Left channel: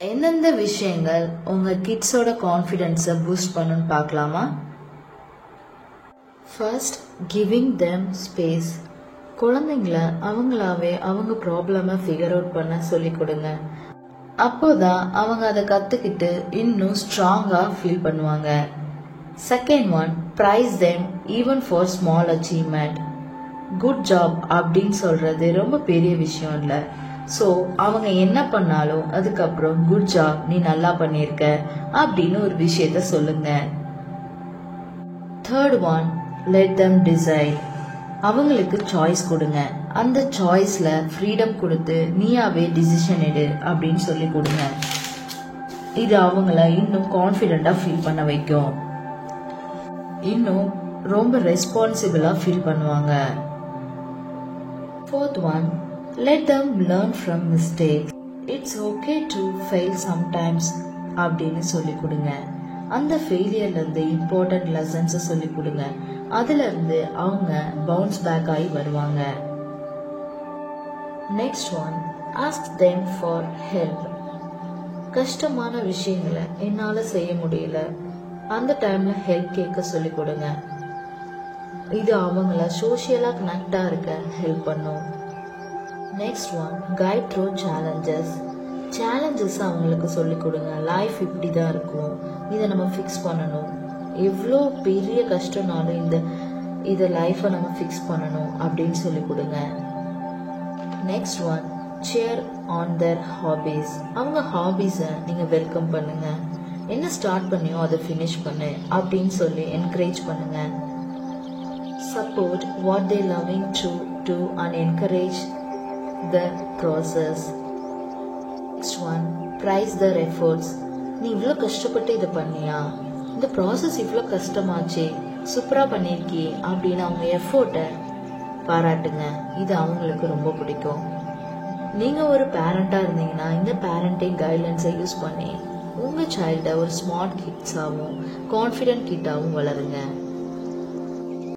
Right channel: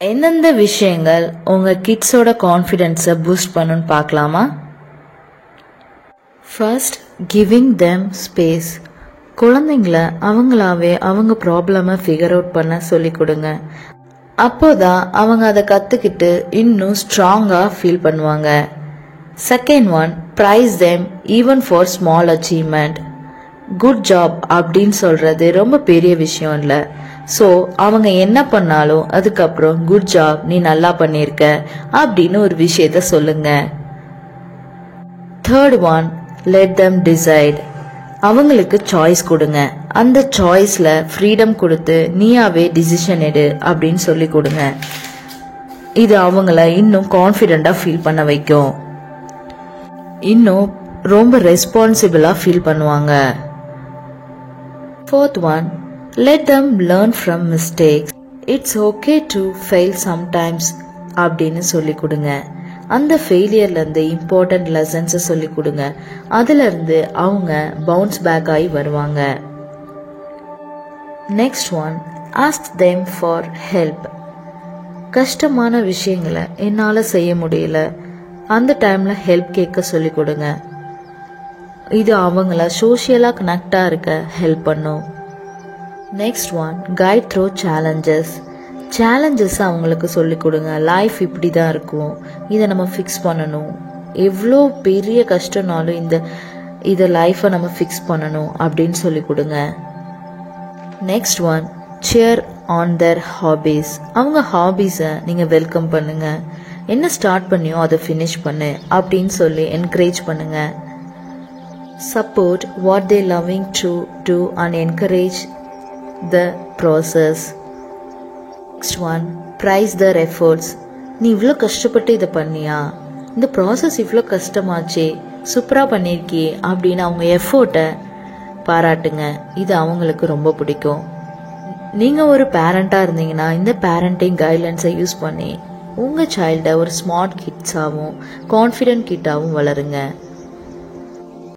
எந்தெந்த விஷயங்கள் உங்க கிட்ஸோட கான்ஃபிடென்ஸை பூஸ்ட் பண்ணுன்னு பார்க்கலாமா? First, giving them space. குழந்தைங்கள அவங்களாவே அவங்க ப்ராப்ளமை ஃபிகர் அவுட் பண்ண சொல்லி கொடுங்க. அப்போதான் அவங்க அதை கற்றுக்கிட்டு இன்னும் ஸ்ட்ராங்காக ஃபீல் பண்ணுவாங்க. Second one, praise them even for small achievement. Good job அப்படின்னு சொல்றது ரொம்ப பெரிய விஷயம் இல்லை. ஸோ அவங்க என்ன பண்ணாலும் அதுக்கப்புறம் குட் ஜாப், நீ நல்லா பண்ணியிருக்க அப்படின்னு ஒரு விஷயத்த சொல்லுங்க. Third one, let them decide. அவங்களுக்கு சாய்ஸ் கொடுங்க. அந்த சாய்ஸ்ல ஃப்ரீடம் கொடுத்து நீயாவே டிசிஷன் எடு அப்படின்னு சொல்லி கொடுங்க. இது அவங்கள இன்னும் கான்ஃபிடென்ட்டா ஃபீல் பண்ண வைக்கும். இன்னும் ரொம்ப ரெஸ்பான்சிபிளா ஃபீல் பண்ணுவாங்க. Fourth one, let them learn from mistakes. It's okay to fail sometimes அப்படின்னு சொல்லி கொடுங்க. அந்த ஃபெயிலியர்லேருந்து இம்பார்ட்டன்ட் லெசன்ஸை சொல்லி கொடுங்க. அதுலேருந்து அவங்க பவுன்ஸ் பேக் ஆகி வருவாங்க. Next one, ask them for help. கஷ்டமான விஷயங்களை என்னால் செய்ய முடியல, அந்த டைமில் ஹெல்ப் கேட்க சொல்லி கொடுங்க. இது அவங்கள சோஷியலாக கனெக்டாக இருக்க ஹெல்ப் பண்ணும். Next one, guide through challenges. Challenges அவங்களுக்கு சொல்லிக் கொடுங்க. லைஃப் இப்படி தான் இருக்கும், இதை நம்ம ஃபிக்ஸ் பண்ணணும். எவ்வளோ பெரிய கஷ்டம்னாலும் இதை லைஃப்பை நம்ம ஃபிக்ஸ் பண்ணணும் அப்படின்னு சொல்லி கொடுங்க. Next one, share on their hobbies. அவங்க ஹாபீஸை நீங்கள் வெல்கம் பண்ணுங்க. என்ன ஸ்டார்ட் பண்ணியோ அதை ஃபினிஷ் பண்ணு அப்படின்னு சொல்லி என்கரேஜ் பண்ணுங்க. Support what they loving to do and encourage the process. Next one, prize their efforts. நீ இவ்வளோ கஷ்டப்பட்டு இதை பண்ணியா, இந்த ப்ராசஸ் இவ்வளோ கஷ்டமாச்சே, சூப்பராக பண்ணியிருக்கியே அப்படின்னு அவங்க எஃபோர்ட்டை பாராட்டுங்க. இது அவங்களுக்கு ரொம்ப பிடிக்கும். நீங்கள் ஒரு பேரண்ட்டாக இருந்தீங்கன்னா இந்த பேரண்டிங் கைட்லைன்ஸை யூஸ் பண்ணி உங்கள் சைல்டை ஒரு ஸ்மார்ட் கிட்ஸாகவும் கான்ஃபிடென்ட் கிட்டாகவும் வளருங்க.